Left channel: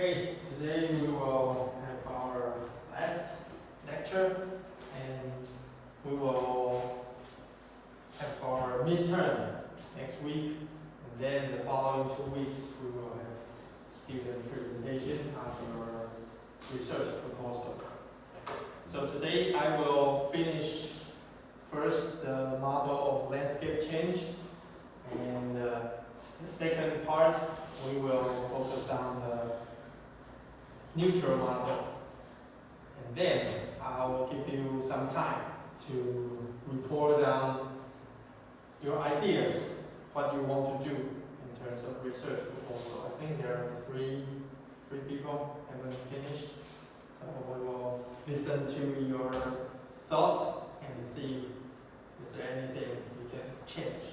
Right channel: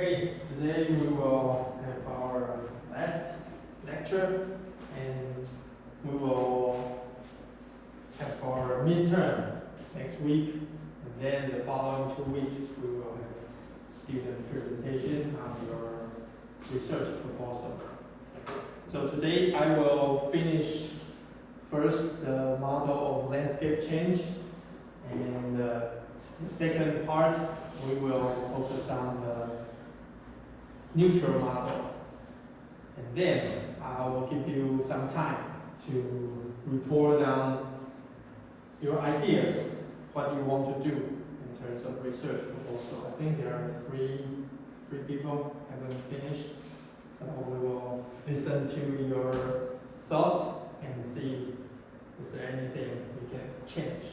Okay, today we will have our last lecture and we will have our midterm next week, and then the following 2 weeks we will have student presentation on your research proposal. So today I will finish first the model of landscape change, and the second part we will focus on the neutral model, and then I will give you some time to report on your ideas, what you want to do in terms of research proposal. I think there are three people haven't finished, so we will listen to your thoughts and see is there anything we can change.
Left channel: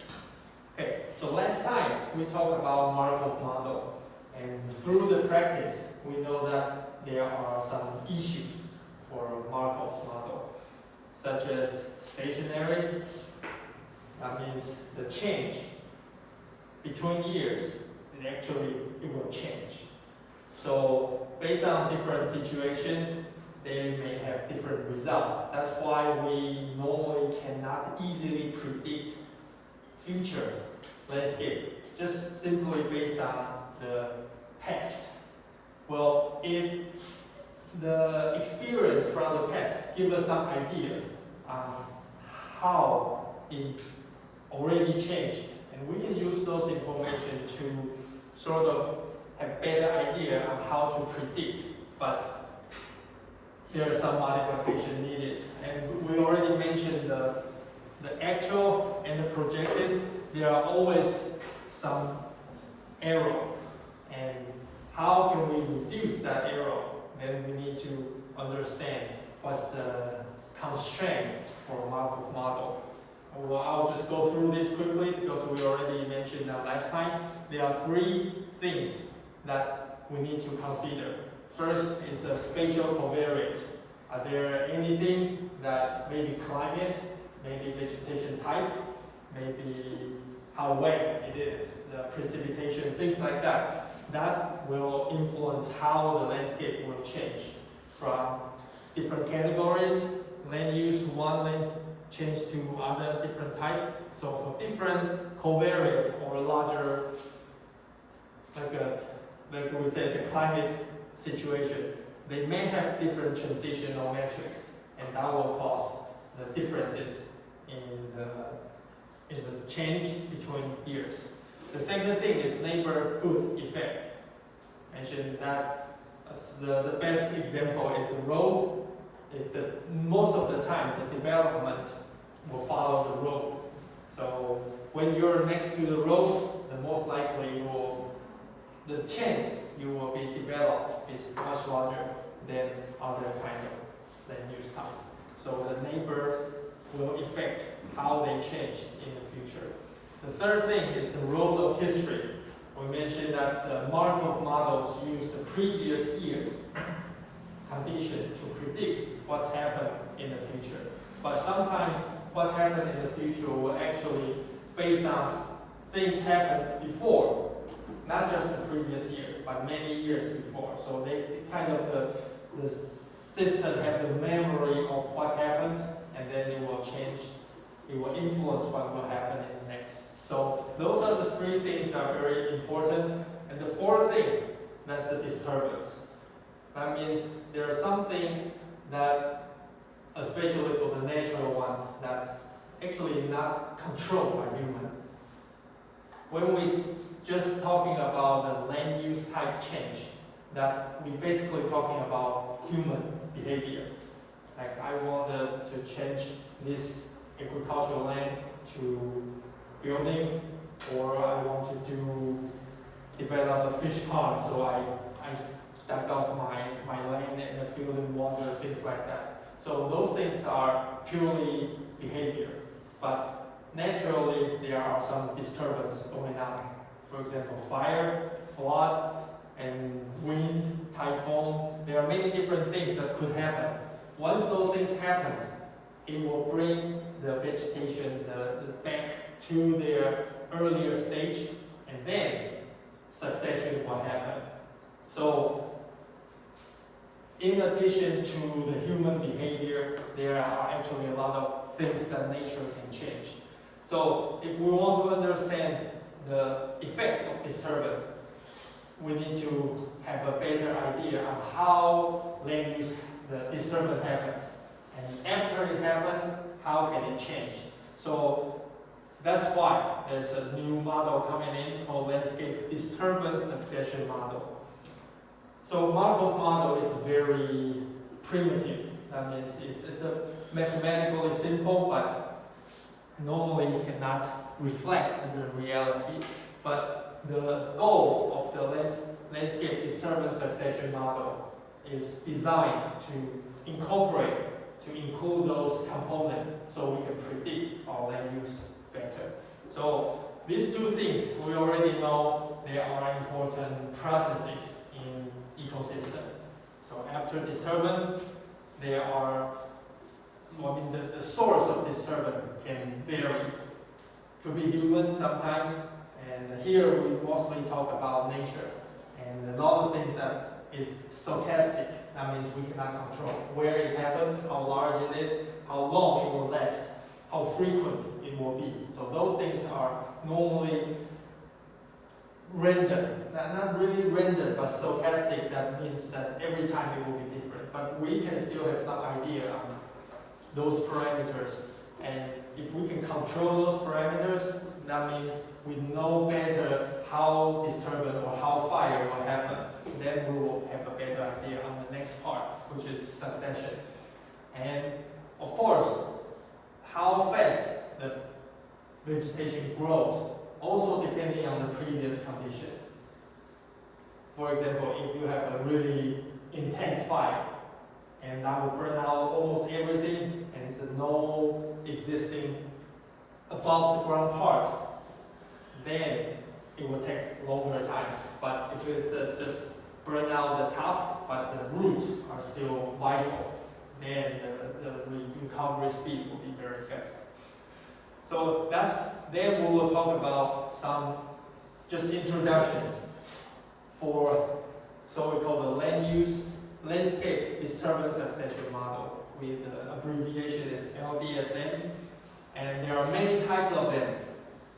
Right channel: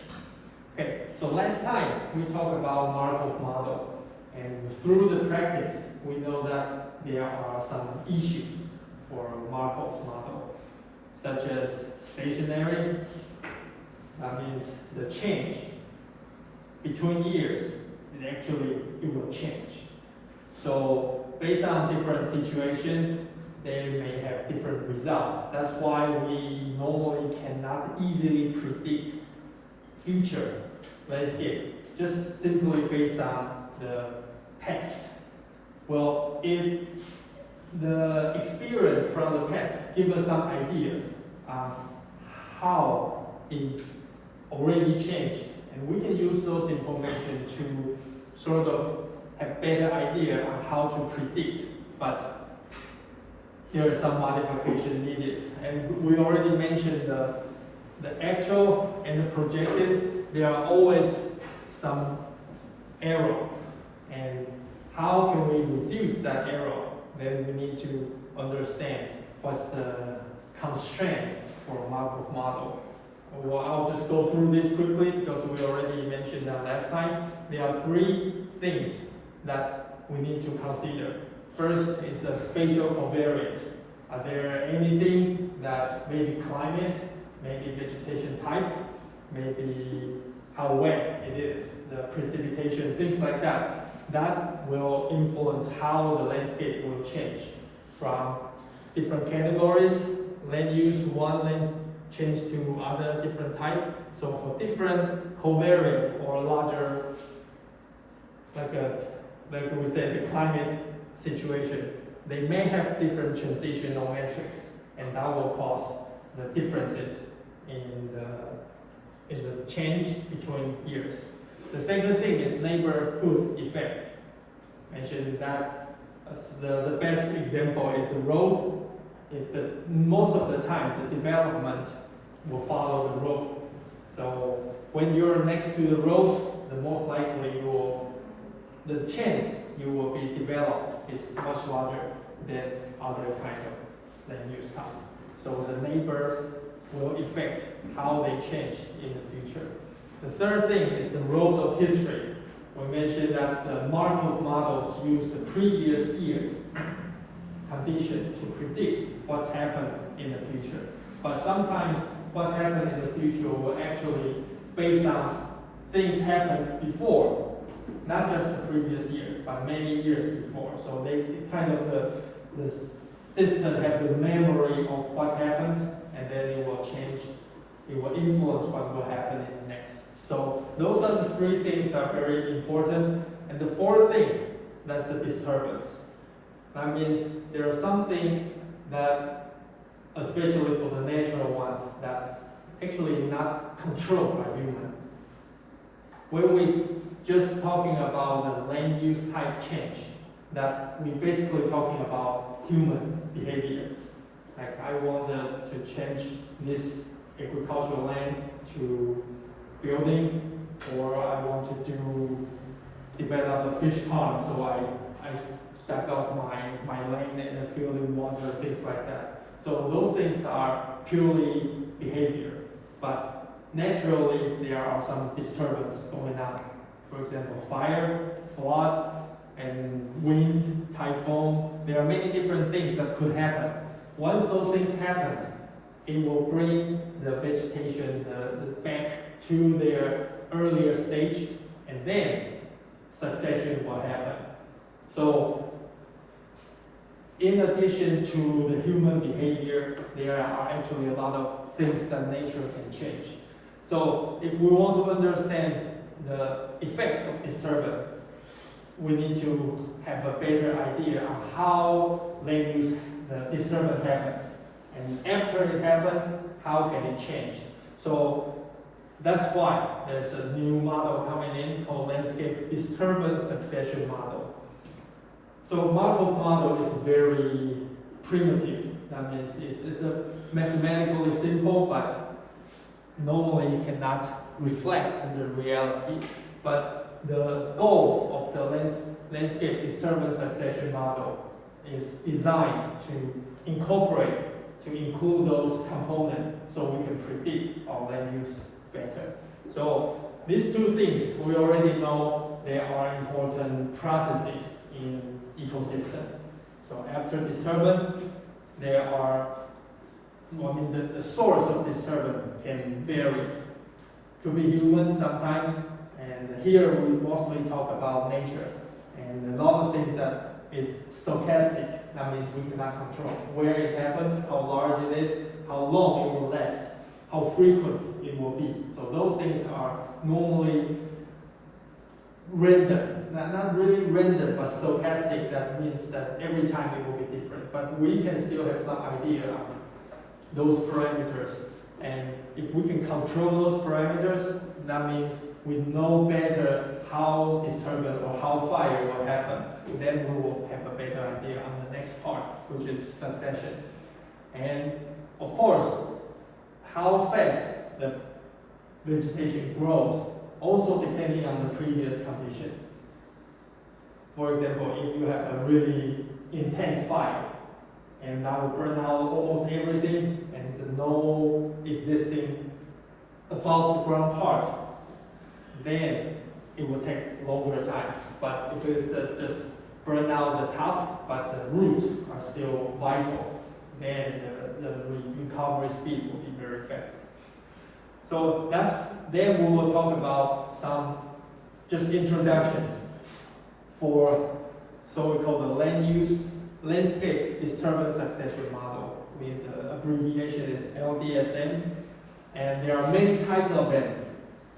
Okay, so last time we talked about Markov model. And through the practice, we know that there are some issues for Markov's model, such as stationary, that means the change between years, it will change. So based on different situations, they may have different results. That's why we normally cannot easily predict future landscape, just simply based on the past. Well, if the experience from the past gives us some ideas on how it already changed, and we can use those information to sort of have better idea on how to predict, but there is some modification needed. And we already mentioned the actual and the projected, there are always some error. And how can we reduce that error? Then we need to understand what's the constraint for the Markov model. Well, I'll just go through this quickly because we already mentioned that last time. There are 3 things that we need to consider. First is the spatial covariance. Are there anything that maybe climate, maybe vegetation type, maybe how wet it is, the precipitation, things like that. That will influence how the landscape will change from different categories, land use, one land change to other different type. So for different covariant or larger, like we said, the climate situation, they may have different transitional metrics, and that will cause the differences in the change between years. The second thing is neighborhood effect. Mentioned that as the best example is the road. Most of the time the development will follow the road. So when you're next to the road, the most likely the chance you will be developed is much larger than other kind of land use type. So the neighbor will affect how they change in the future. The third thing is the role of history. We mentioned that the Markov models use the previous year's condition to predict what's happened in the future. But sometimes what happened in the future will actually based on things happened before, not just the previous year, but many years before. So they kind of the system have the memory of what happened, and then it will change. It will influence what will happen in the next. So those are the 3 things that are very important. And the 4th thing, that's the disturbance. That means there's something that, especially for the natural ones, that's actually not controlled by human. When we just talking about the land use type change, that we basically talking about human behavior. Like I wanted to change this agricultural land to building, or I want to develop a fish pond, so I dug up my land and fill in water, things like that. So those things are purely behavior, but naturally there are some disturbance going on. For example, fire, flood, and wind, typhoon. There are many different things that could happen. Once those things happen, it will bring the vegetation back to their earlier stage, and then succession will happen. So in addition to the human behavior, there are actually a lot of things that nature can change. So if we want to understand the effect of disturbance, we need to have a better idea on how land use the disturbance happens. And after it happens, how can it change? So that's why there's a new model coming in called landscape disturbance succession model. So model is very primitive. That means it's a mathematically simple, but normally cannot reflect the reality. But the goal of the landscape disturbance succession model is designed to include those components so we can predict our land use better. So these two things, we already know they are important processes in ecosystem. So after disturbance, there are, the source of disturbance can vary. Could be human sometimes, and here we mostly talk about nature. And a lot of things that is stochastic, that means we cannot control where it happens, how large it is, how long it will last, how frequent it will be. So those things are normally rendered, not really rendered, but stochastic. That means that every time it will be different. But we can still have some idea of those parameters. And if we can control those parameters, that means we know better how disturbance or how fire will happen. Then we will have a better idea on the next part, which is succession. And of course, how fast the vegetation grows also depending on the previous condition. For example, if you have a really intense fire, and that will burn out almost everything, and there's no existing above the ground part, then it will take longer time. But if it's just burn out the top, but the roots are still vital, then the recovery speed will be very fast. So then we will talk about some just introductions for, so we call the landscape disturbance succession model, with the abbreviation is LDSM, and there are many types of them.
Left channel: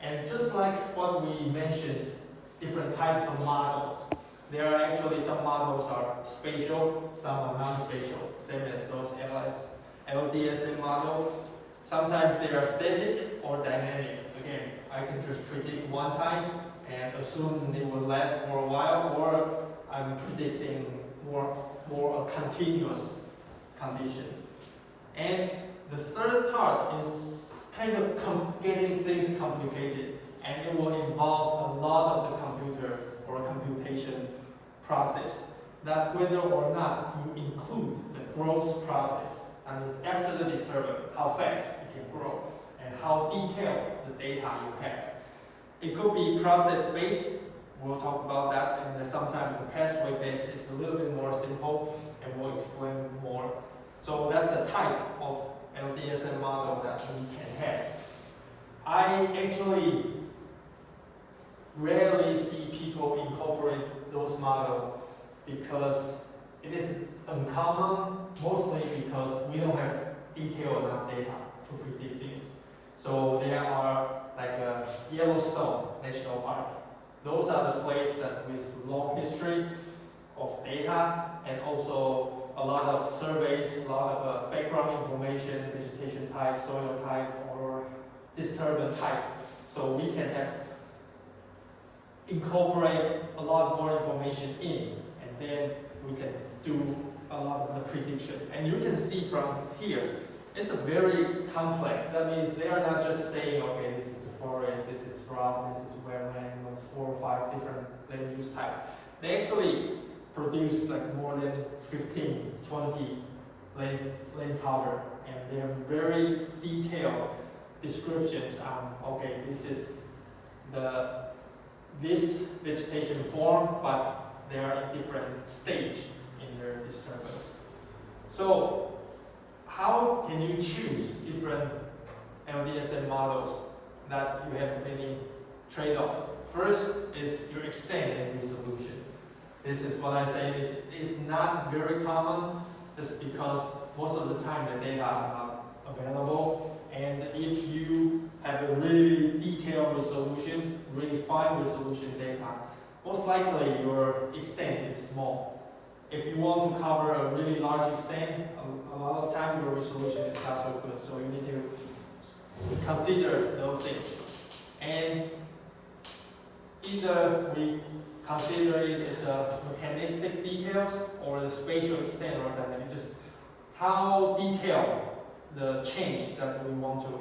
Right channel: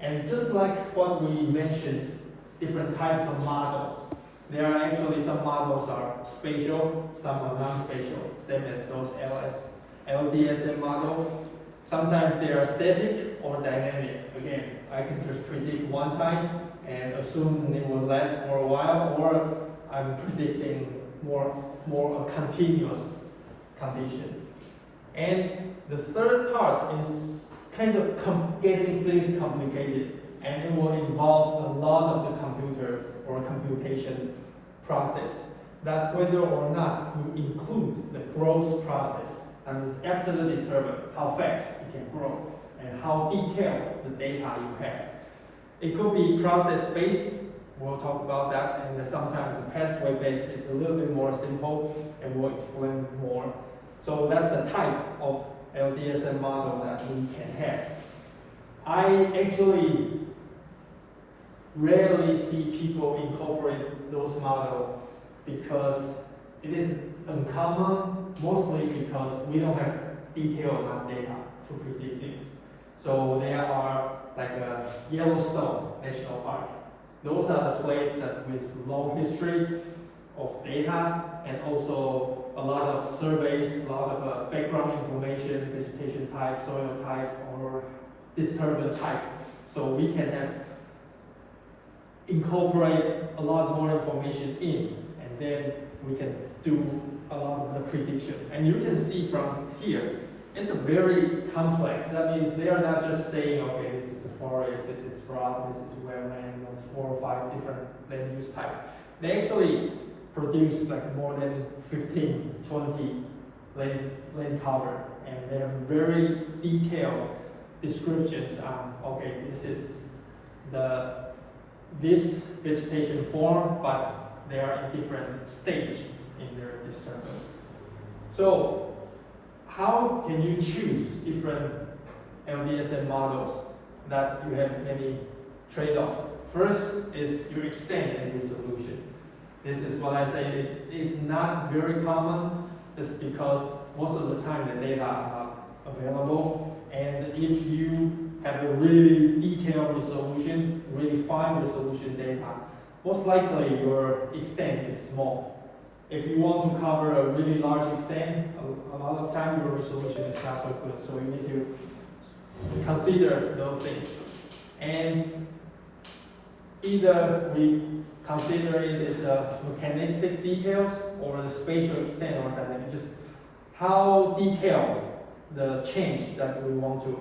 And just like what we mentioned, different types of models, there are actually some models are spatial, some are non-spatial, same as those LDSM models. Sometimes they are static or dynamic. Again, I can just predict one time and assume it will last for a while, or I'm predicting more a continuous condition. And the third part is kind of getting things complicated, and it will involve a lot of the computer or computation process, that whether or not you include the growth process. And it's after the disturbance, how fast it can grow, and how detailed the data you have. It could be process-based, we'll talk about that, and sometimes the pathway-based is a little bit more simple, and we'll explain more. So that's the type of LDSM model that we can have. I actually rarely see people incorporate those models because it is uncommon, mostly because we don't have detailed enough data to predict things. So there are like a Yellowstone National Park. Those are the places that with long history of data, and also a lot of surveys, a lot of background information, vegetation type, soil type, or disturbance type. So we can incorporate a lot more information in, and then we can do a lot of the prediction. And you can see from here, it's a very complex. That means they are not just saying, okay, this is a forest, this is rock, this is wetland, there's 4 or 5 different land use type. They actually produce like more than 15, 20 land cover, and they have very detailed descriptions on, okay, this is this vegetation form, but they are in different stage in their disturbance. So how can you choose different LDSM models that you have many trade-offs? First is your extent and resolution. This is what I say is not very common, just because most of the time the data are not available. And if you have a really detailed resolution, really fine resolution data, most likely your extent is small. If you want to cover a really large extent, a lot of time your resolution is not so good. So you need to consider those things. And either we consider it as a mechanistic details or the spatial extent or dynamic, just how detailed the change that we want to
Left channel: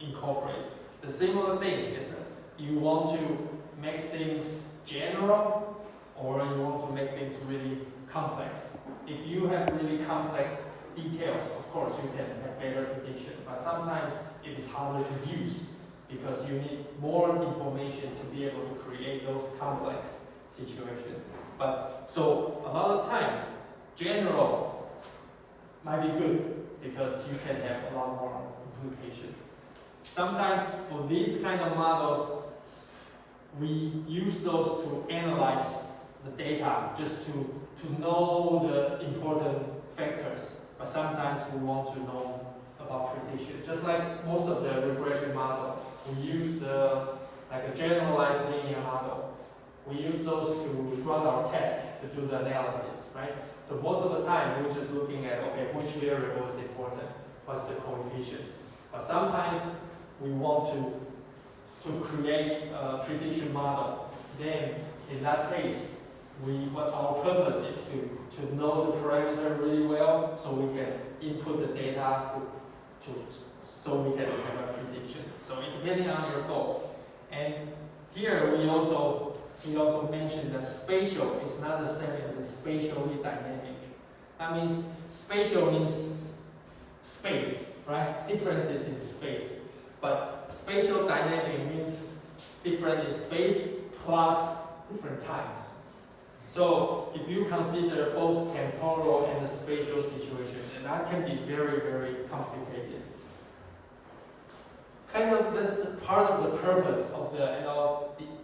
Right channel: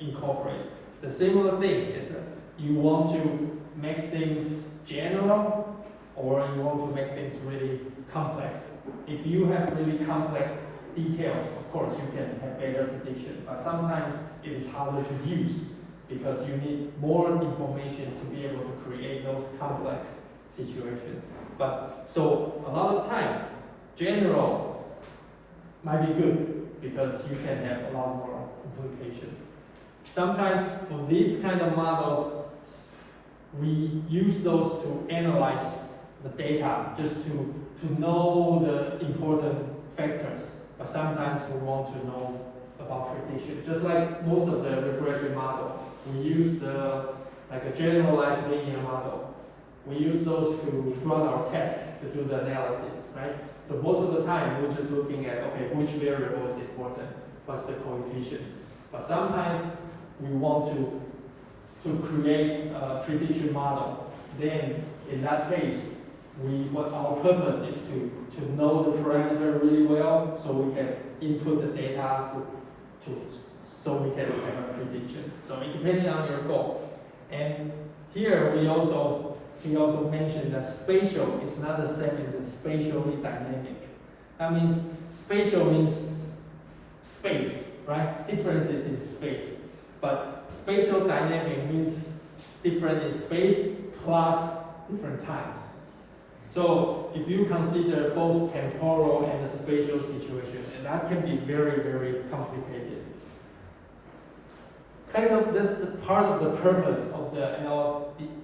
incorporate. The similar thing is you want to make things general or you want to make things really complex. If you have really complex details, of course you can have better prediction, but sometimes it is harder to use because you need more information to be able to create those complex situations. But so a lot of time, general might be good because you can have a lot more implication. Sometimes for these kind of models, we use those to analyze the data, just to know the important factors. But sometimes we want to know about prediction. Just like most of the regression model, we use like a generalized linear model. We use those to run our tests to do the analysis, right? So most of the time, we're just looking at, okay, which variable is important, what's the coefficient. But sometimes we want to create a prediction model. Then, in that case, what our purpose is to know the parameter really well, so we can input the data so we can have a prediction. So it depending on your goal. And here we also mentioned that spatial is not the same as spatially dynamic. That means spatial means space, right? Differences in space. But spatial dynamic means different in space plus different times. So if you consider both temporal and the spatial situation, and that can be very, very complicated. Kind of this part of the purpose of the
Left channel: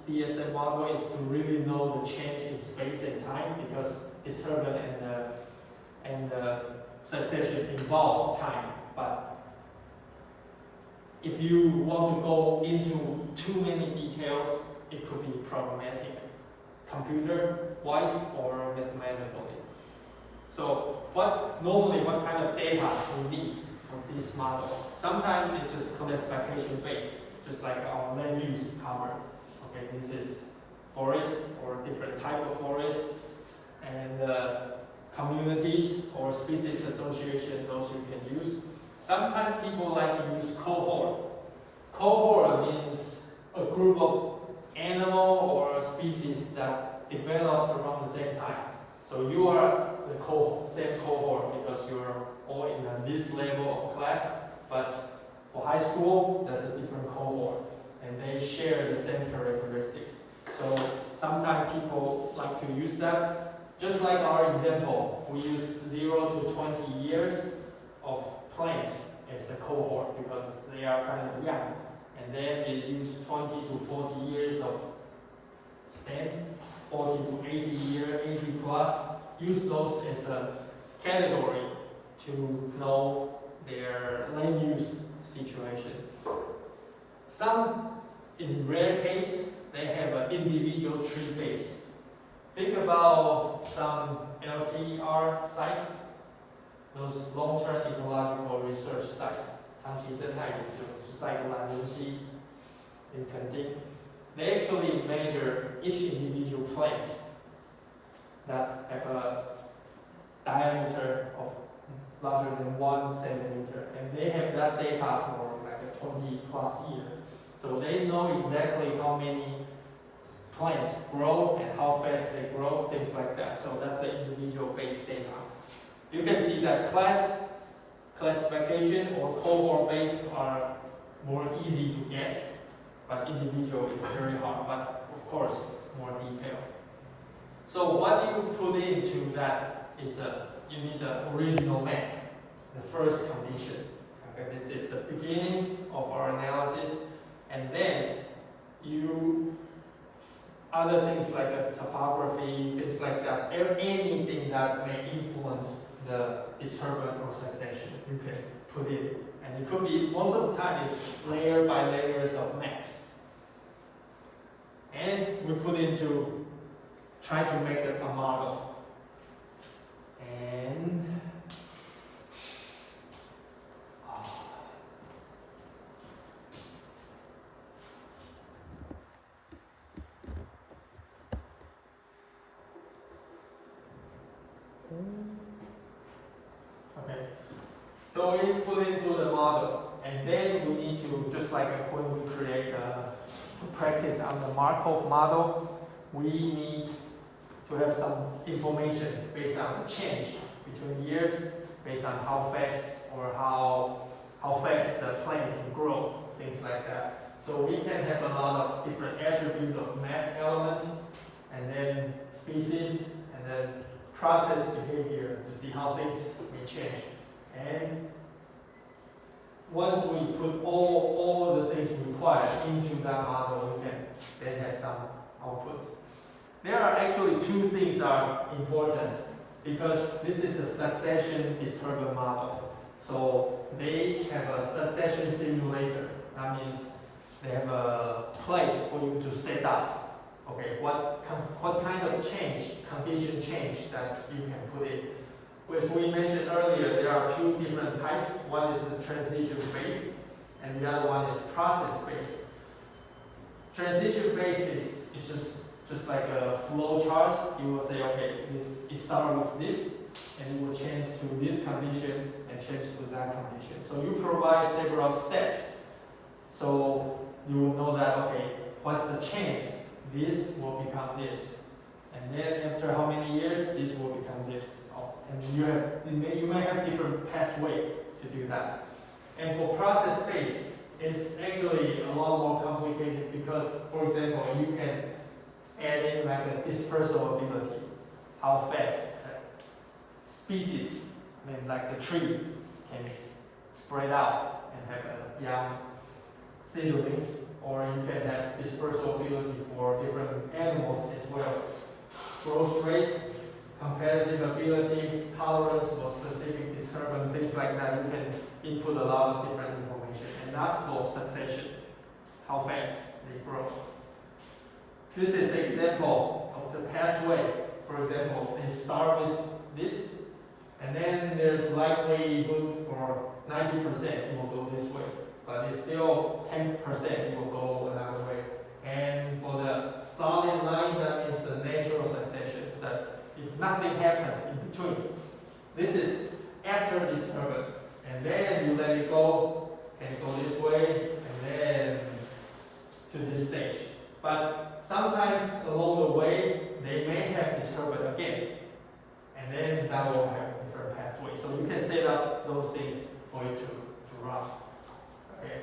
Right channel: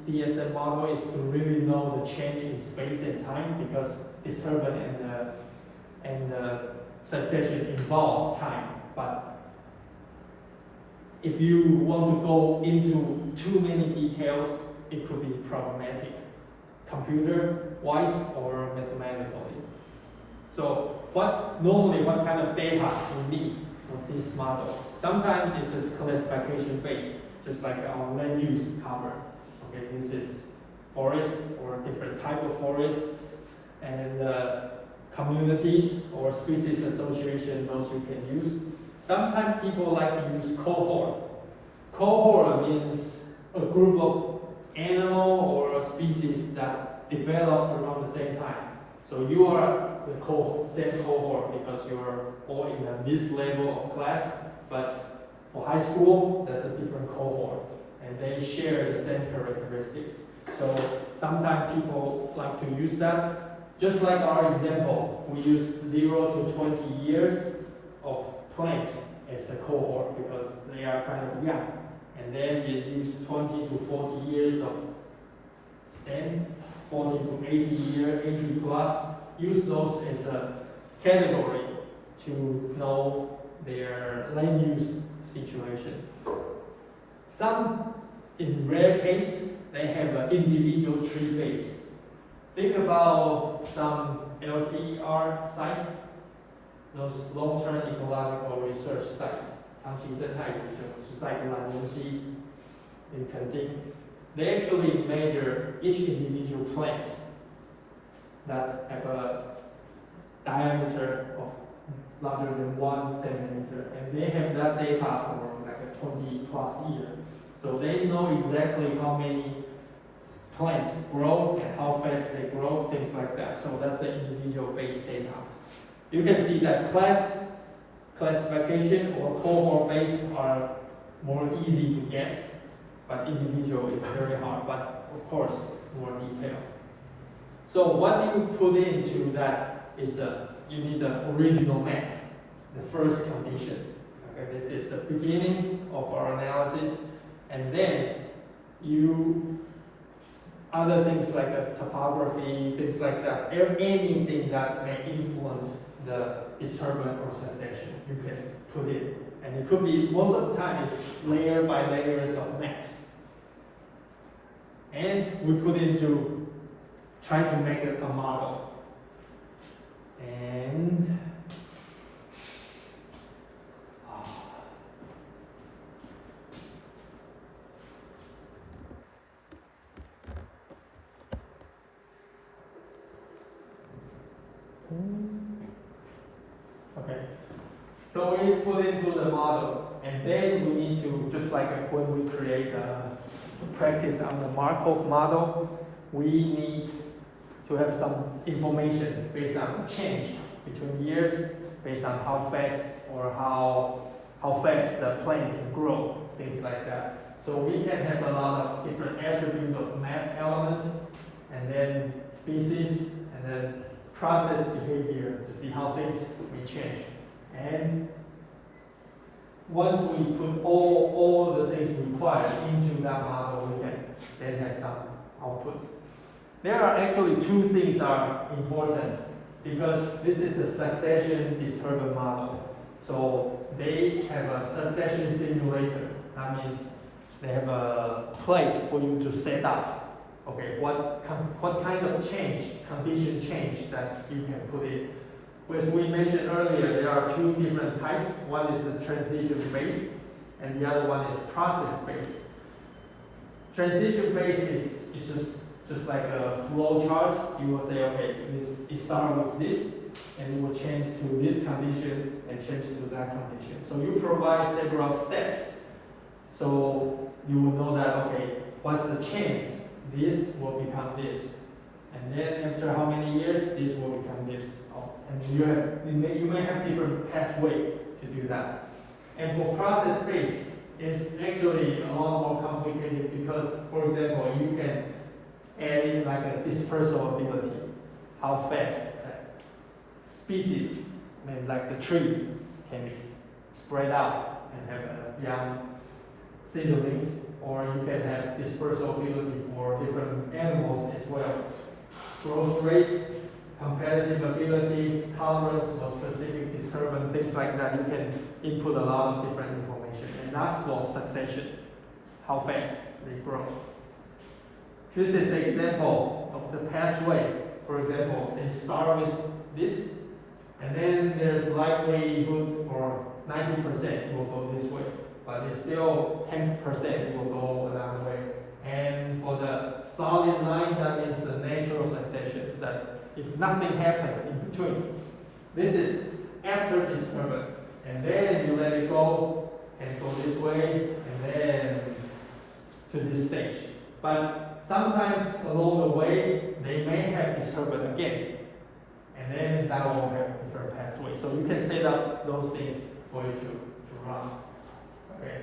LDSM model is to really know the change in space and time, because disturbance and succession involve time. But if you want to go into too many details, it could be problematic, computer-wise or mathematically. So what kind of data you need for this model? Sometimes it's just classification based, just like our land use cover. Okay, this is forest or different type of forest, and communities or species association, those you can use. Sometimes people like to use cohort. Cohort means a group of animal or species that develop around the same time. So you are the same cohort because you are all in this level of class, but for high school, that's a different cohort, and they share the same characteristics. So sometimes people like to use that. Just like our example, we use 0 to 20 years of plant as a cohort because they are kind of young. And then we use 20 to 40 years of stem, 40 to 80 years, 80 plus. Use those as a category to know their land use situation. Some, in rare case, they have an individual tree base. Think about some LTER site, those long-term ecological research sites. 长期生态研究是在兰陵溪 in Kentucky. They actually measure each individual plant that have a diameter of larger than 1 centimeter, and they have that data for like 20 plus years. So they know exactly how many plants grow and how fast they grow, things like that. So that's the individual based data. You can see that classification or cohort based are more easy to get, but individual is very hard, but of course more detailed. So what you put into that is you need the original map, the first condition. Okay, this is the beginning of our analysis, and then you other things like topography, things like that, anything that may influence the disturbance or succession, you can put in. And it could be, most of the time, it's layer by layers of maps. And we put into, try to make a model. And okay, so we put into the model, and then we need to, just like when we create to practice on the Markov model, we need to have some information based on change between years, based on how fast or how fast the plant can grow, things like that. So we can have a lot of different attributes of map elements, and then species, and then process behavior to see how things may change. And once we put all the things required into that model, we can then have some output. There are actually two things are important because this is a succession-disturbance model. So they have a succession simulator. That means they have a place for you to set up. Okay, what kind of condition change that you can put in. As we mentioned earlier, there are two different types. One is the transition-based, and the other one is process-based. Transition-based is just like a flow chart. You will say, okay, it starts with this, and it will change to this condition and change to that condition. So you provide several steps. So you will know that, okay, what's the chance this will become this? And then after how many years, this will become this. And you may have different pathway to do that. And for process-based, it's actually a lot more complicated because, for example, you can add in like a dispersal ability, how fast species, like the tree, can spread out and have young seedlings, or you can have dispersal ability for different animals as well. Growth rate, competitive ability, tolerance for specific disturbance, things like that. You can input a lot of different information. And that's for succession, how fast they grow. This is an example of the pathway. For example, they start with this, and then there's likelihood for 90% it will go this way, but it's still 10% it will go another way. And for the solid line, that is a natural succession, that if nothing happened in between, this is after disturbance, and then you let it go, and go this way, and then to this stage. But sometimes along the way, they may have disturbance again, and then that will have a different pathway. So you can set up those things for you to run. Okay.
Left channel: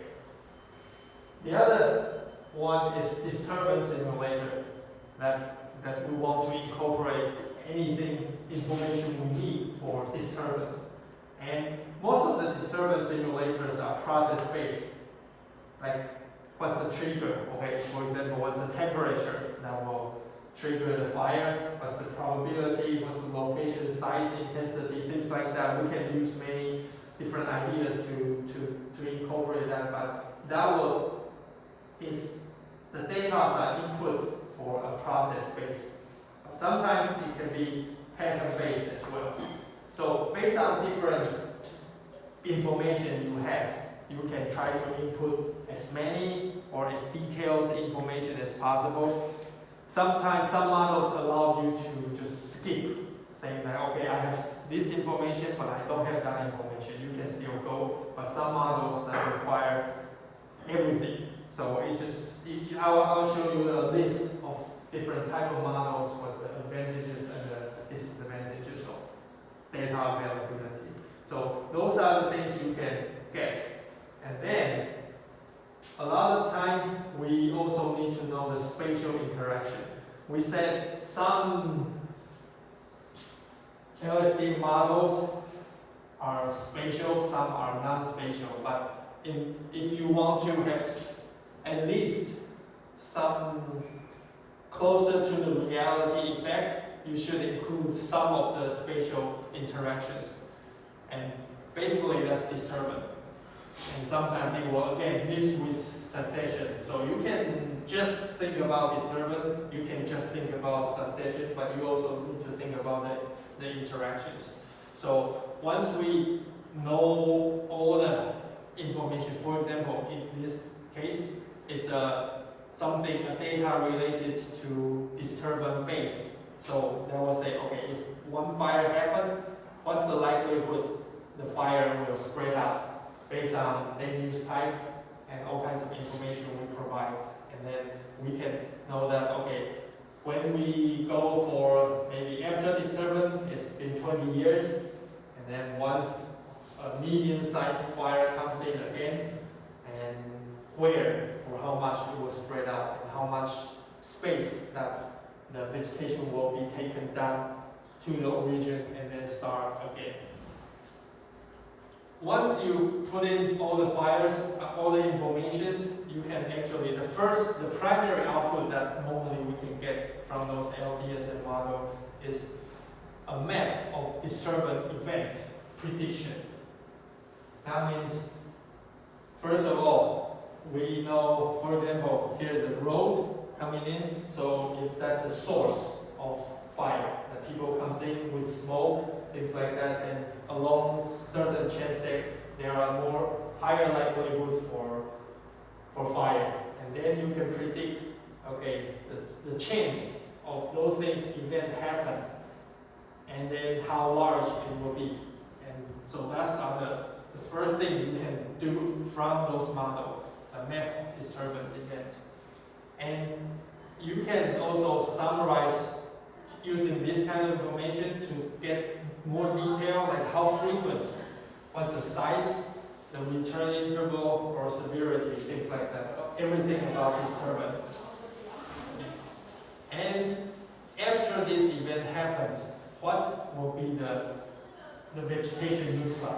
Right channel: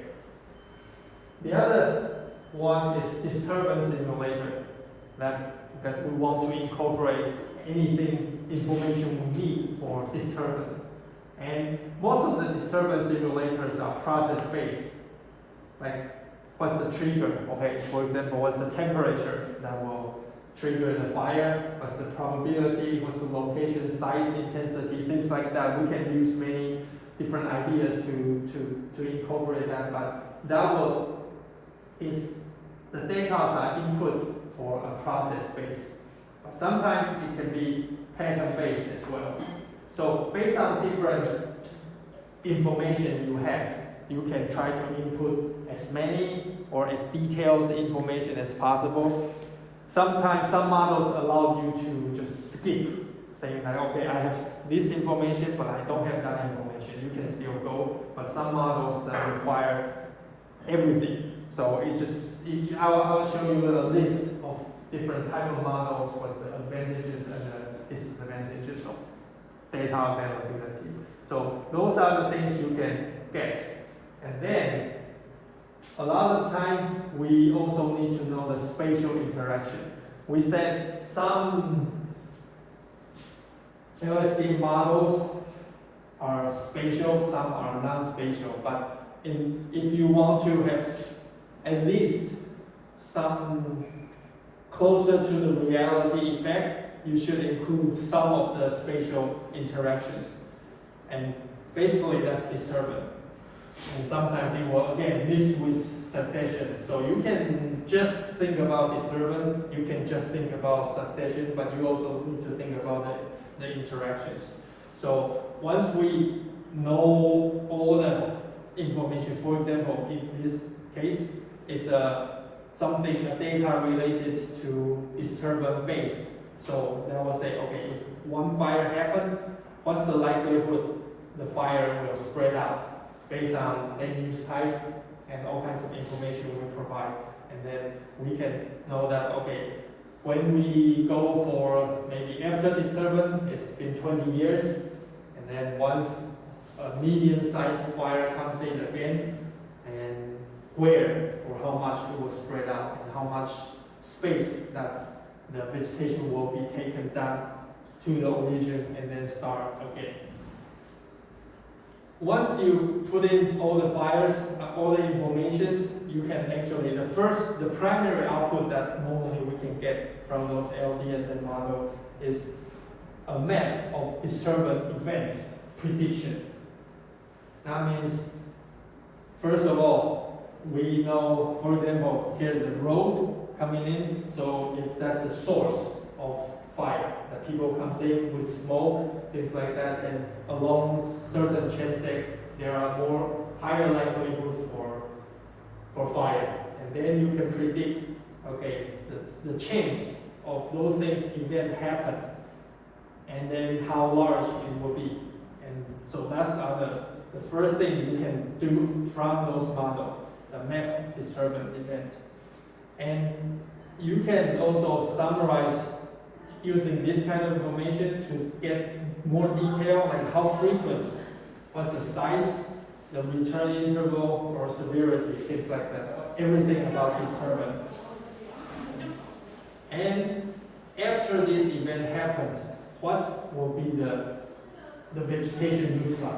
The other one is disturbance simulator, that we want to incorporate information we need for disturbance. And most of the disturbance simulators are process-based. Like, what's the trigger? Okay, for example, what's the temperature that will trigger the fire? What's the probability? What's the location, size, intensity, things like that. We can use many different ideas to incorporate that, but the data are input for a process base. But sometimes it can be pattern based as well. So based on different information you have, you can try to input as many or as detailed information as possible. Sometimes some models allow you to just skip, saying that, okay, I have this information, but I don't have that information. You can still go, but some models that require everything. So I'll show you a list of different type of models, what's the advantages and the disadvantages of data availability. So those are the things you can get. And then, a lot of time, we also need to know the spatial interaction. We said some LSD models are spatial, some are non-spatial, but if you want to have at least some closer to the reality effect, you should include some of the spatial interactions. And basically that's disturbance. And sometimes people, again, mix with succession. So you can just think about disturbance, you can just think about succession, but you also need to think about the interactions. So once we know all the information, for example, in this case, it's a data related to disturbance based. So that will say, okay, if one fire happened, what's the likelihood the fire will spread out based on land use type and all kinds of information we provide. And then we can know that, okay, when we go for maybe after disturbance, it's been 20 years, and then once a medium-sized fire comes in again, and where or how much it will spread out, and how much space that the vegetation will be taken down to the region and then start again. Once you put in all the fires, all the informations, you can actually, the primary output that normally we can get from those LDSM model is a map of disturbance event prediction. That means, first of all, we know, for example, here's a road coming in, so if that's the source of fire, that people comes in with smoke, things like that, and along certain chain state, there are more higher likelihood for fire. And then you can predict, okay, the chance of those things event happen, and then how large it will be. And so that's the first thing you can do from those models, the map of disturbance event. And you can also summarize using this kind of information to get more detail, like how frequent, what's the size, the return interval or severity, things like that. Everything about disturbance. And after this event happens, what will be the vegetation looks like?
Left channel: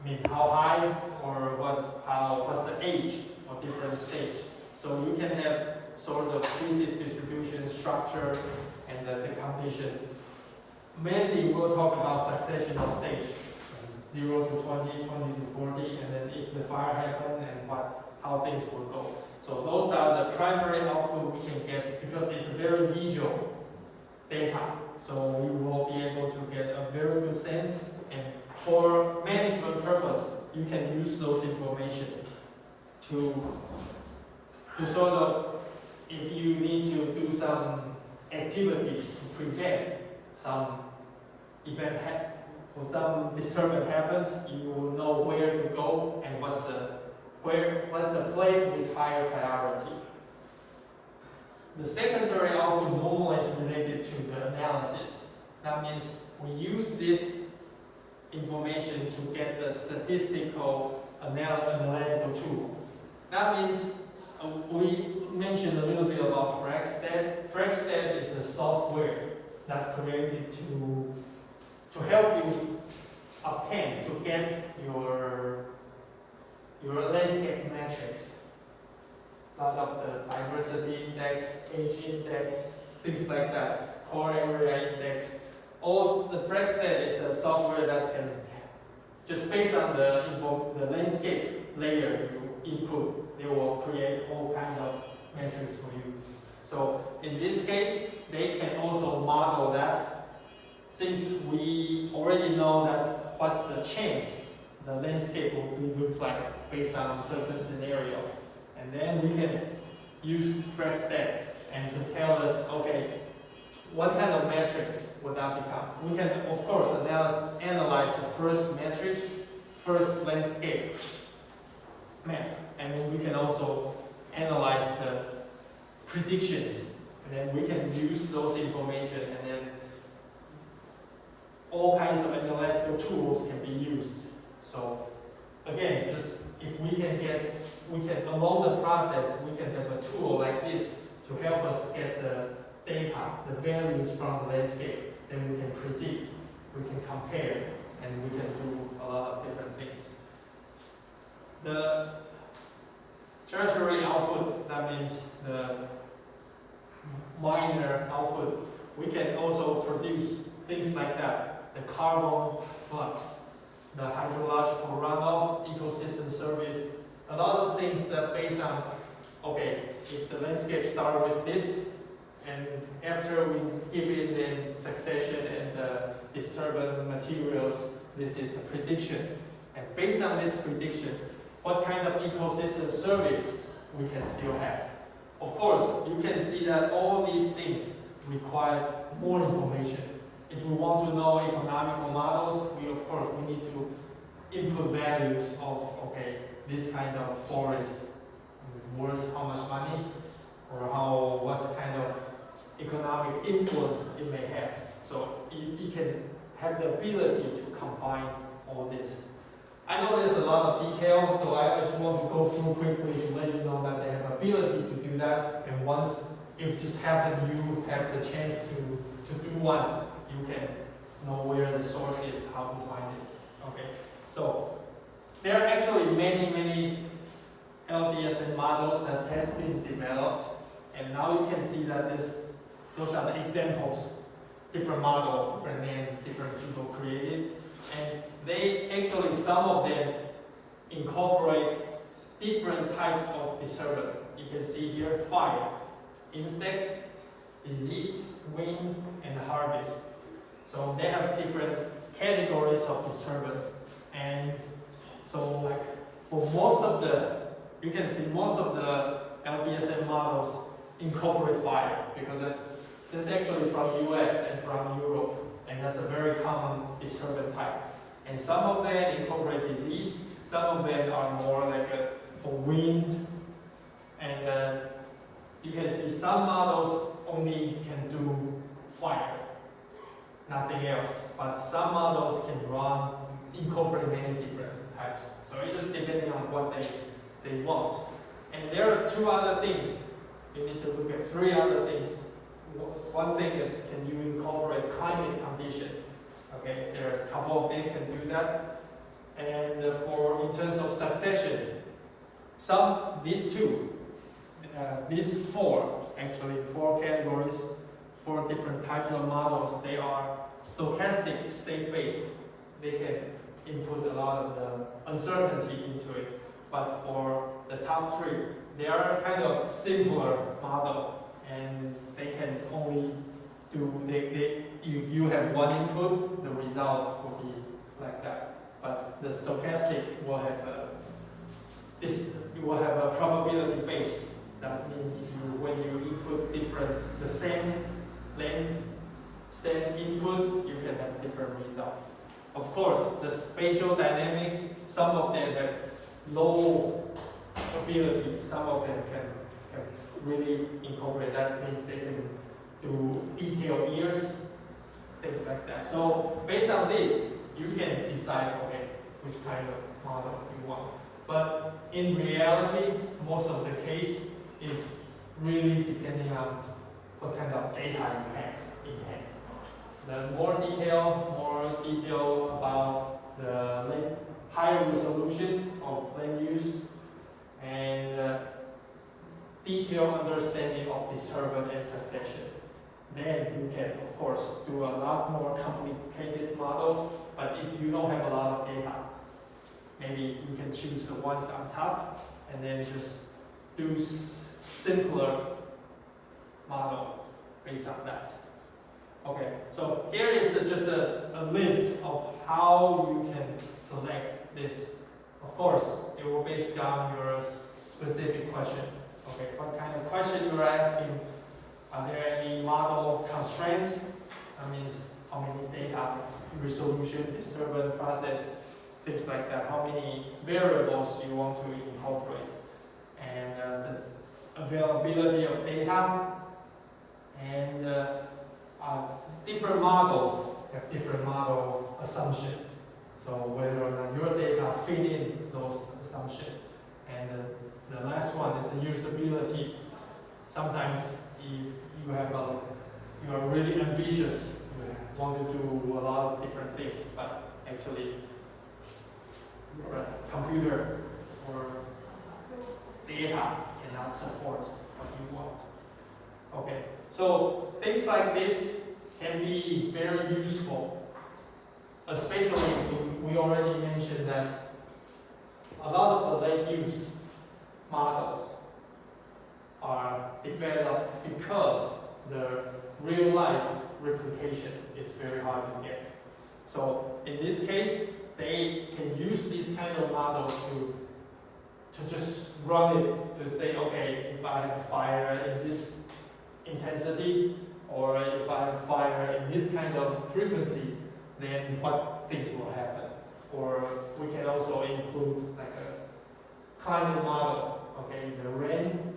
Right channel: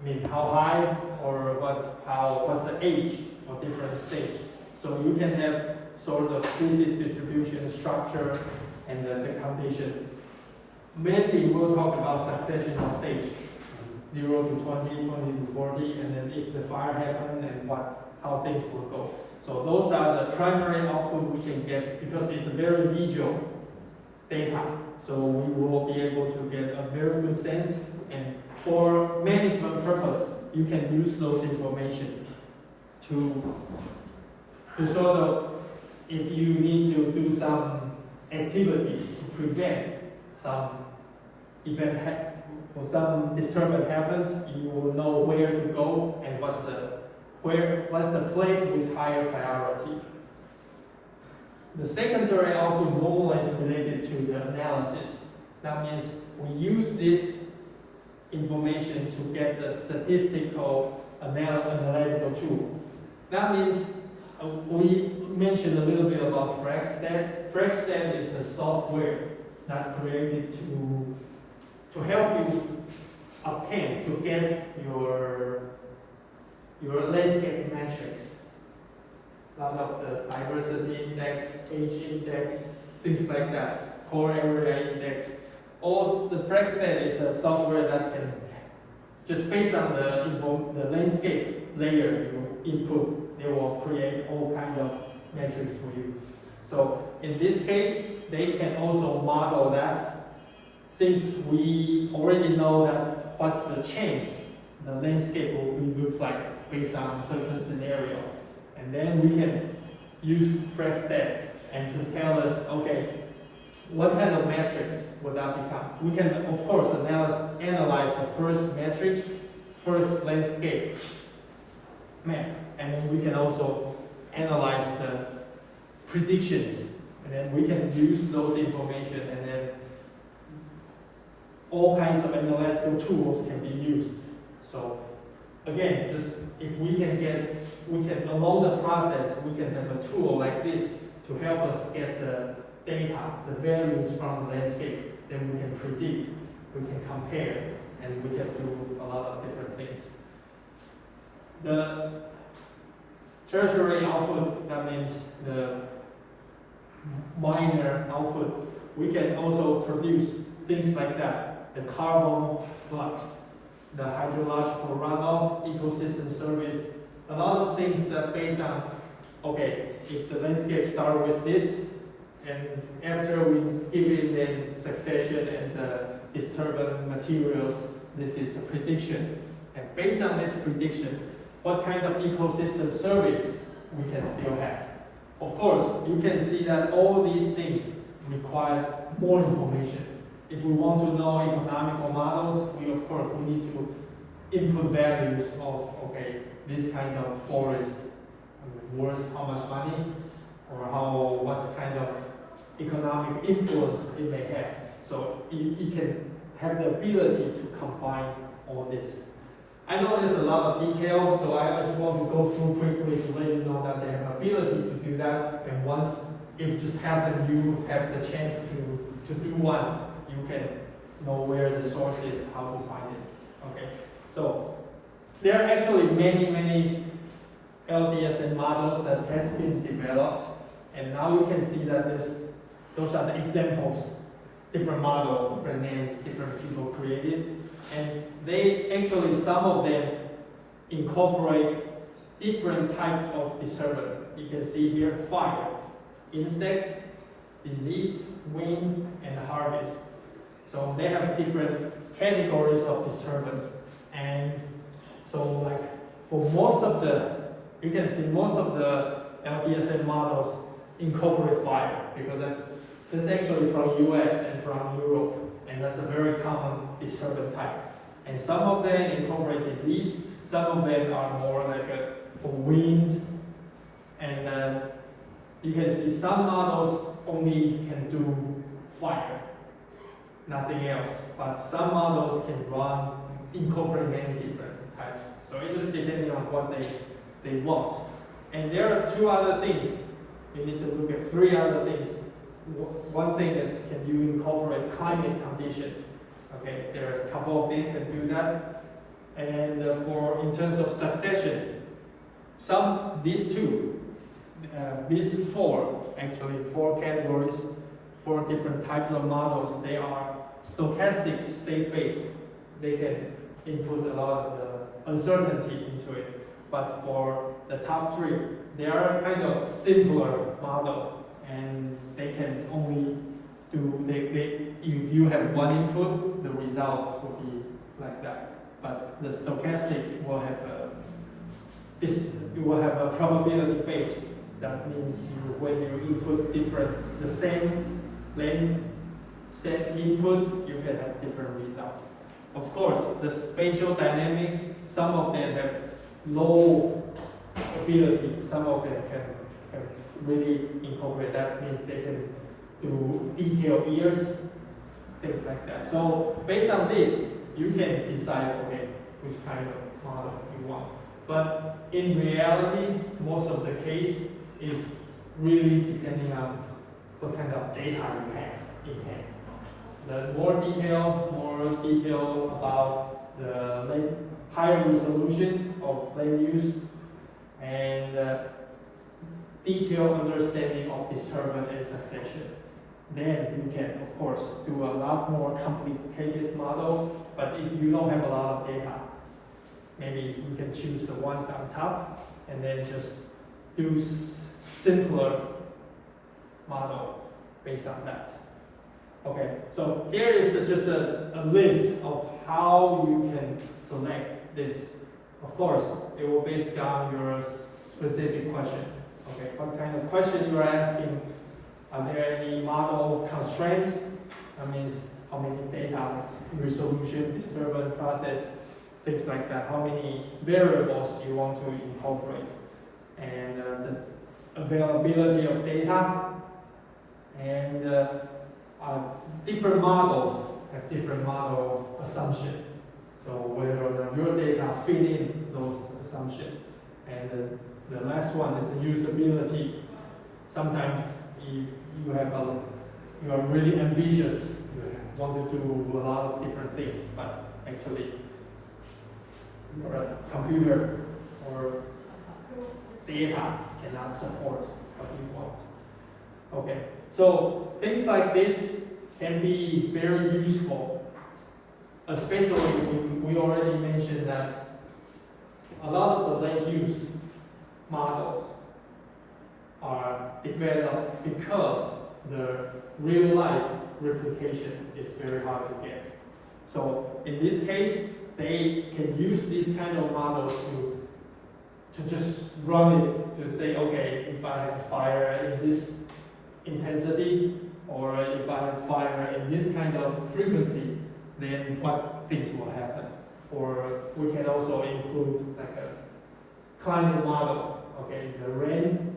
I mean, how high or what's the age for different stage? So you can have sort of species distribution, structure, and the condition. Mainly we'll talk about successional stage, 0 to 20, 20 to 40, and then if the fire happens and how things will go. So those are the primary output we can get because it's a very visual data. So we will be able to get a very good sense, and for management purpose, you can use those information to sort of, if you need to do some activities to prevent some event for some disturbance happens, you will know where to go and what's the place with higher priority. The secondary output normally is related to the analysis. That means we use this information to get the statistical analytical tool. That means we mentioned a little bit about FragStat. FragStat is a software that created to help you obtain, to get your landscape metrics. A lot of the diversity index, age index, things like that, core area index. All the FragStat is a software that can, just based on the landscape layer you input, they will create all kinds of metrics for you. So in this case, they can also model that. Since we already know that what's the chance the landscape will looks like based on a certain scenario, and then we can use FragStat and to tell us, okay, what kind of metrics would that become? We can, of course, analyze the first metrics, first landscape map, and then we can also analyze the predictions, and then we can use those information, and then all kinds of analytical tools can be used. So again, just if we can along the process, we can have a tool like this to help us get the data, the values from the landscape, then we can predict, we can compare, and we can do a lot of different things. The tertiary output, that means minor output, we can also produce things like that. The carbon flux, the hydrological runoff, ecosystem service, a lot of things that based on, okay, if the landscape starts with this, and after we give it then succession and the disturbance materials, this is a prediction. And based on this prediction, what kind of ecosystem service we can still have. Of course, you can see that all these things require more information. If we want to know economical models, we need to input values of, okay, this kind of forest worth how much money, or what kind of economic influence it may have. So it can have the ability to combine all this. I know there's a lot of detail, so I just want to go through quickly to let you know that they have ability to do that. And once, if just happen you have the chance to do one, you can know where the source is, how to find it. Okay, so there are actually many LDSM models that has been developed, and now you can see that those are the examples. Different model, different name, different people created. And they actually, some of them incorporate different types of disturbance. You can see here, fire, insect, disease, wind, and harvest. So they have different categories of disturbance. And so like for most of you can see most of the LDSM models incorporate fire, because that's actually from US and from Europe. And that's a very common disturbance type. And some of them incorporate disease, some of them are more like for wind. And you can see some models only can do fire, nothing else. But some models can incorporate many different types. So it just depends on what they want. And there are two other things. You need to look at three other things. One thing is, can you incorporate climate condition? Okay, there's a couple of things can do that. And in terms of succession, these four categories, four different types of models, they are stochastic, state-based. They can input a lot of the uncertainty into it. But for the top three, they are kind of simpler model. And they can only do, if you have one input, the result will be like that. But the stochastic will have a probability based. That means when you input the same length, same input, you can have different results. Of course, the spatial dynamics, some of them have low ability, some of them can really incorporate. That means they can do detailed years, things like that. So based on this, you can decide, okay, which kind of model you want. But in reality, most of the case is really depending on what kind of data you have in hand. The more detail about the higher resolution of land use and detailed understanding of disturbance and succession. Then you can, of course, do a lot more complicated model. But if you don't have a lot of data, maybe you can choose the ones on top and then just do simpler model based on that. Okay, so here is just a list of how you can select this. Of course, it will be based on your specific question. Okay, what kind of question you are asking? Are there any model constraints? That means how many data, resolution, disturbance, process, things like that. How many variables you want to incorporate, and the availability of data, and different models have different model assumptions. So whether your data fit in those assumptions. And the last one is the usability. Sometimes if you are really ambitious, you want to do a lot of different things, but actually your computer or data cannot support what you want. Okay, so things like this can be very useful, especially we already mentioned that a lot of the land use models are developed because the real life replication is very hard to get. So in this case, they can use this kind of model to just run it, to say, okay, if I have a fire in this intensity, or if I have fire in this kind of frequency, then what things will happen. Or we can also include like a climate model. Okay, the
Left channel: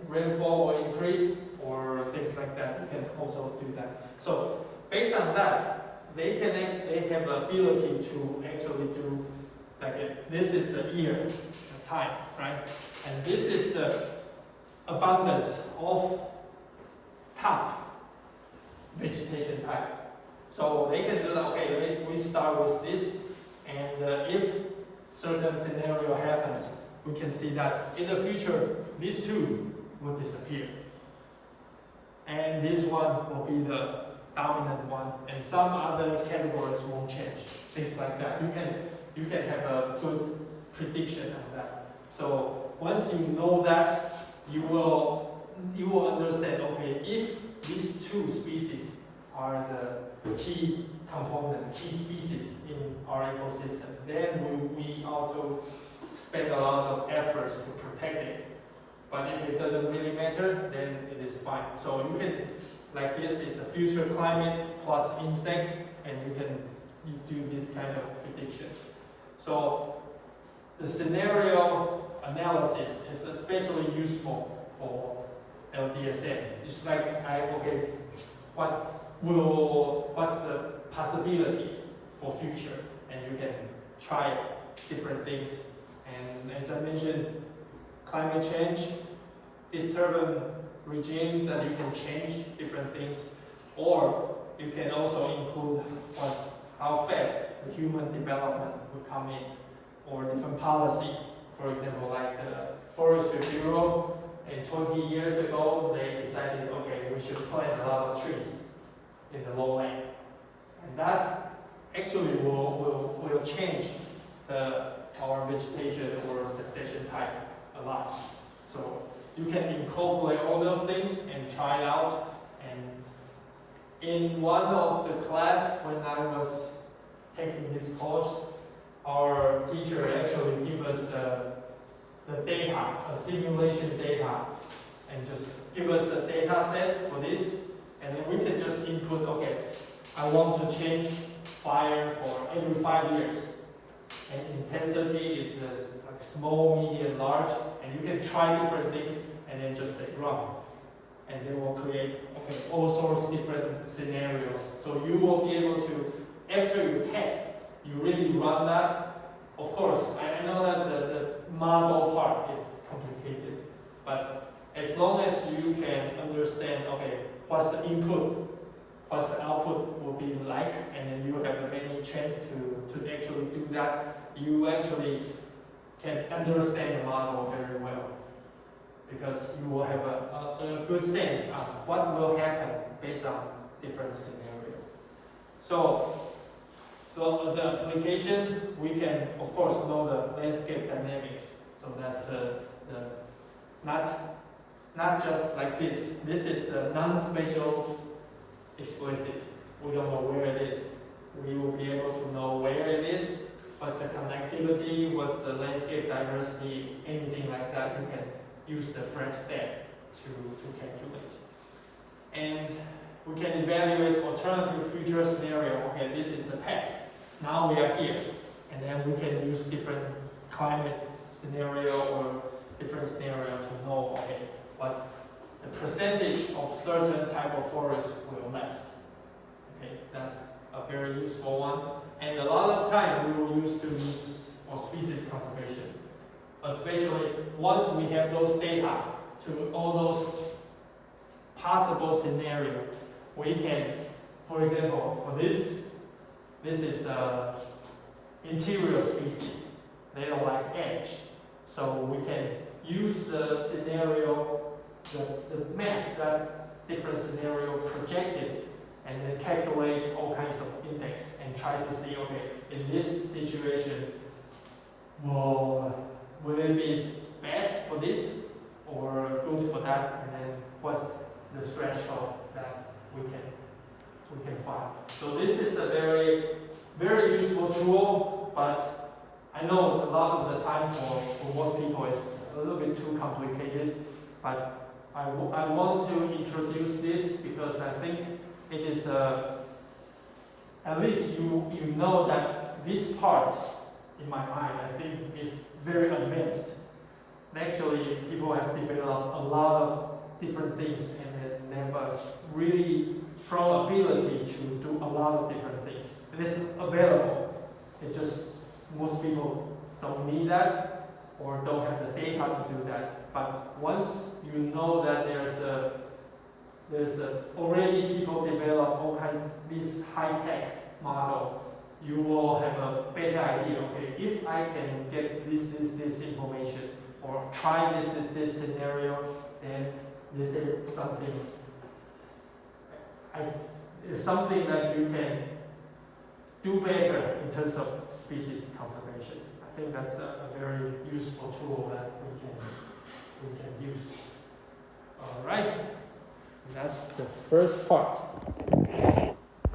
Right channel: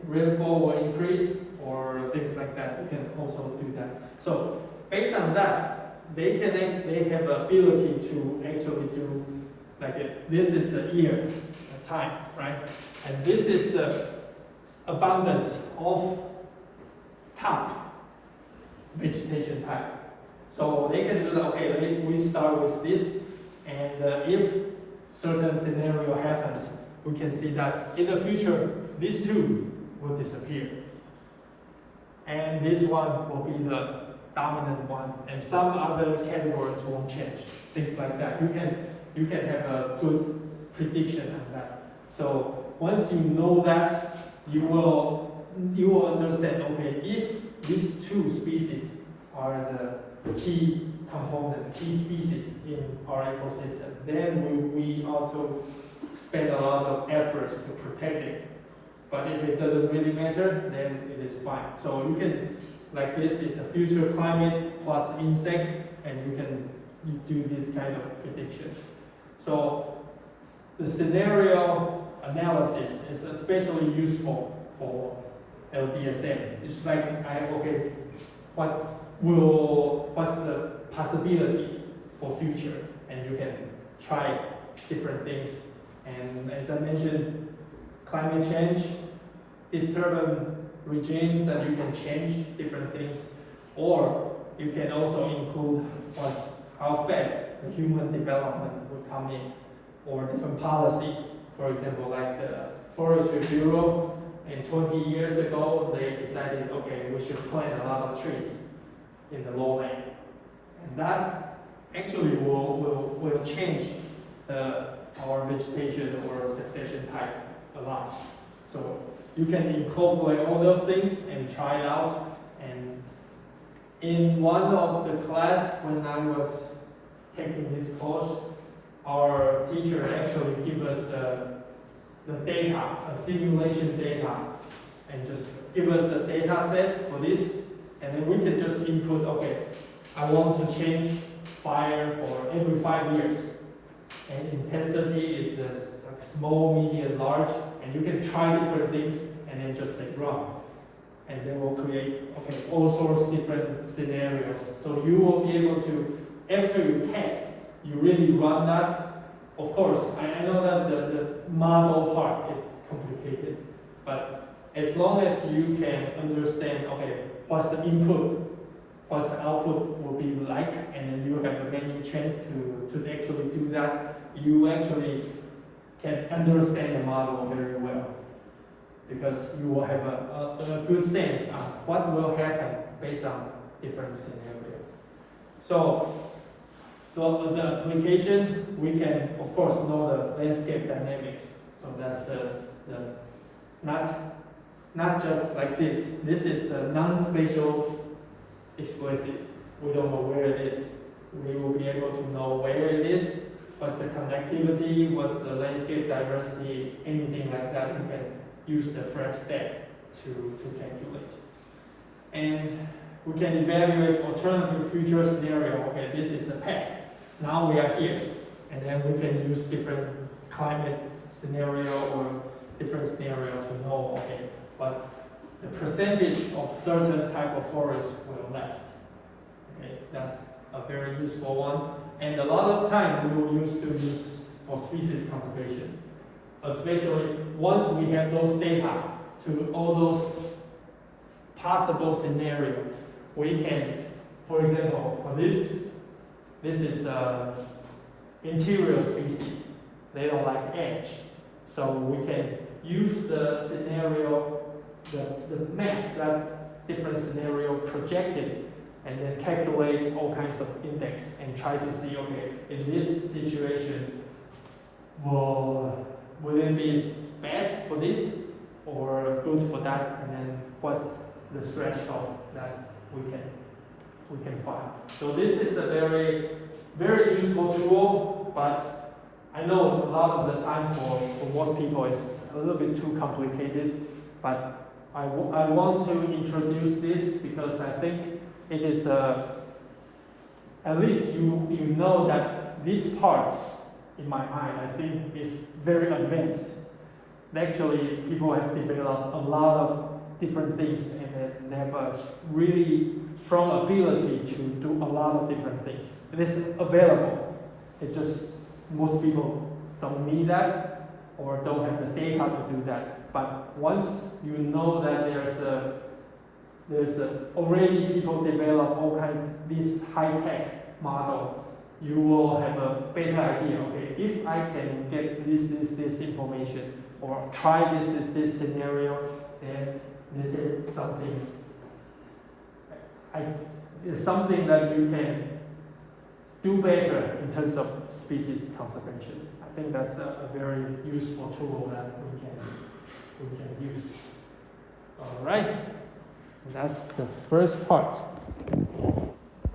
rainfall will increase, or things like that. We can also do that. So based on that, they have the ability to actually do like this is a year, a time, right? And this is the abundance of top vegetation type. So they can do that. Okay, we start with this, and if certain scenario happens, we can see that in the future, these two will disappear. And this one will be the dominant one, and some other categories won't change. Things like that. You can have a good prediction of that. So once you know that, you will understand, okay, if these two species are the key component, key species in our ecosystem, then we ought to spend a lot of efforts to protect it. But if it doesn't really matter, then it is fine. So you can, like this is a future climate plus insect, and you do this kind of prediction. So the scenario analysis is especially useful for LDSM. It's like, okay, what's the possibilities for future, and you can try different things. And as I mentioned, climate change, disturbance regimes, that you can change different things, or you can also include how fast the human development will come in, or different policy. For example, like the Forestry Bureau, in 20 years ago, they decided, okay, we should plant a lot of trees in the lowland. And that actually will change our vegetation or succession type a lot. So you can incorporate all those things and try it out. And in one of the class, when I was taking this course, our teacher actually gave us the data, a simulation data, and just give us a data set for this, and then we can just input, okay, I want to change fire for every 5 years. And intensity is like small, medium, large, and you can try different things and then just say run. And then we'll create, okay, all sorts of different scenarios. So you will be able to, after you test, you really run that. Of course, I know that the model part is complicated, but as long as you can understand, okay, what's the input, what's the output will be like, and then you have many chance to actually do that, you actually can understand the model very well, because you will have a good sense of what will happen based on different scenarios. So the application, we can of course know the landscape dynamics. So that's not just like this. This is a non-spatial explicit. We don't know where it is. We will be able to know where it is, what's the connectivity, what's the landscape diversity, anything like that. You can use the frame step to calculate. And we can evaluate alternative future scenario. Okay, this is the past. Now we are here. And then we can use different climate scenario or different scenario to know, okay, what the percentage of certain type of forest will last. Okay, that's a very useful one. And a lot of time we will use for species conservation. Especially once we have those data to all those possible scenarios, we can, for example, for this is interior species. They don't like edge. So we can use the scenario, the map that different scenario projected and then calculate all kinds of index and try to see, okay, in this situation, will it be bad for this or good for that, and then what the threshold that we can find. So this is a very, very useful tool, but I know a lot of the time for most people it's a little bit too complicated, but I want to introduce this because I think it is, at least you know that this part, in my mind, I think is very advanced. Actually, people have developed a lot of different things, and they have a really strong ability to do a lot of different things. It is available. It's just most people don't need that or don't have the data to do that. But once you know that there's already people develop all kinds of this high-tech model, you will have a better idea. Okay, if I can get this information or try this scenario, then this is something. It's something that you can do better in terms of species conservation. I think that's a very useful tool that we can use. All right, that's the first part.